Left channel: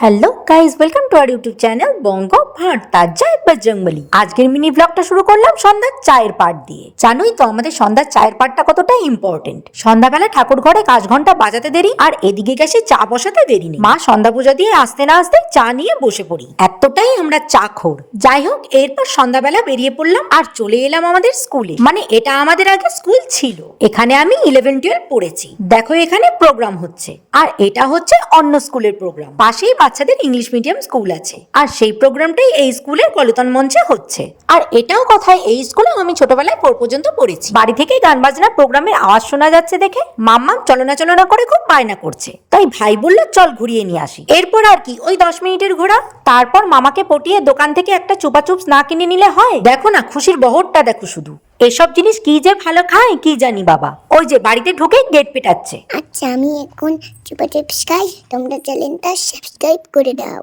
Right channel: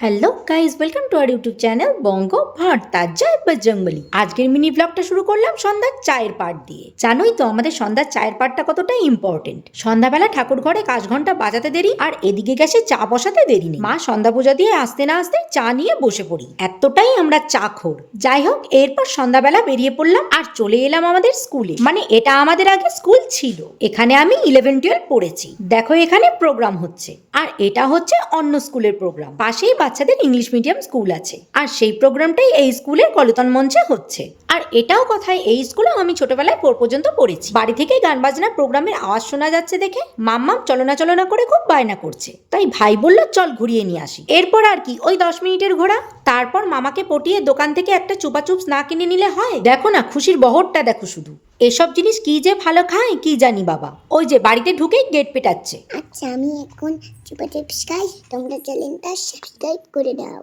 Hello guys, welcome to our YouTube channel Banga Bharata জয় বজরংবলী। আজকের mini ব্লগটা শুরু করলাম সন্ধ্যার চায়ের পাট দিয়ে। জানোই তো আমাদের সন্ধ্যার চায়ের পাটটা কতটা ইম্পর্টেন্ট। সন্ধ্যাবেলা ঠাকুর ঘরে কাজ ঘন্টা বাজাতে দেরি, আর এদিকে গেছে চা বসাতে দেরি নেই। মা সন্ধ্যা পূজা দিয়ে আসতে না আসতে চা নিয়ে বসে পড়ি, এতটাই আমরা চা খোর। যাই হোক, এরপর সন্ধ্যাবেলা বেরিয়ে পড়লাম আর চলে এলাম আমাদের স্কুলে। মানে এটা আমাদের আগে স্কুল ছিল, এখানে আমি 11-12 পড়েছি। দেখো এখানে প্রোগ্রাম হচ্ছে, আর এটা হচ্ছে অন্য স্কুলের প্রোগ্রাম। পাশেই বাচ্চাদের ইংলিশ মিডিয়াম স্কুল আছে, আর সেই প্রোগ্রামটাই এই স্কুলের কলতন মঞ্চে হচ্ছে। আর এটাও কথায়, এই স্কুলে আমি ছোটবেলায় 4 পর্যন্ত পড়েছি। বাড়ি থেকে গান বাজনার প্রোগ্রামের আওয়াজ শোনা যাচ্ছে দেখে মাম্মাম চলনা করে খুব বায়না করছে, তাই ভাই বলল চল ঘুরিয়ে নিয়ে আসি। এরপর আর কি, ওই 10 মিনিটের ঘোরা। তারপর মামাকে পটিয়ে দোকান থেকে একটা চুপাচুপ না কিনে নিলে হয়? দেখো না খুশির বহরটা, দেখো শুধু। এসব জিনিস কি যে ভালো খায় কি জানি বাবা। ওই যে বাড়িতে ঢুকে গেট পেটাচ্ছে। আচ্ছা, আমি এখন চুপা চিপস খাই, তোমরা চ্যানেলটা সাবস্ক্রাইব করে দাও।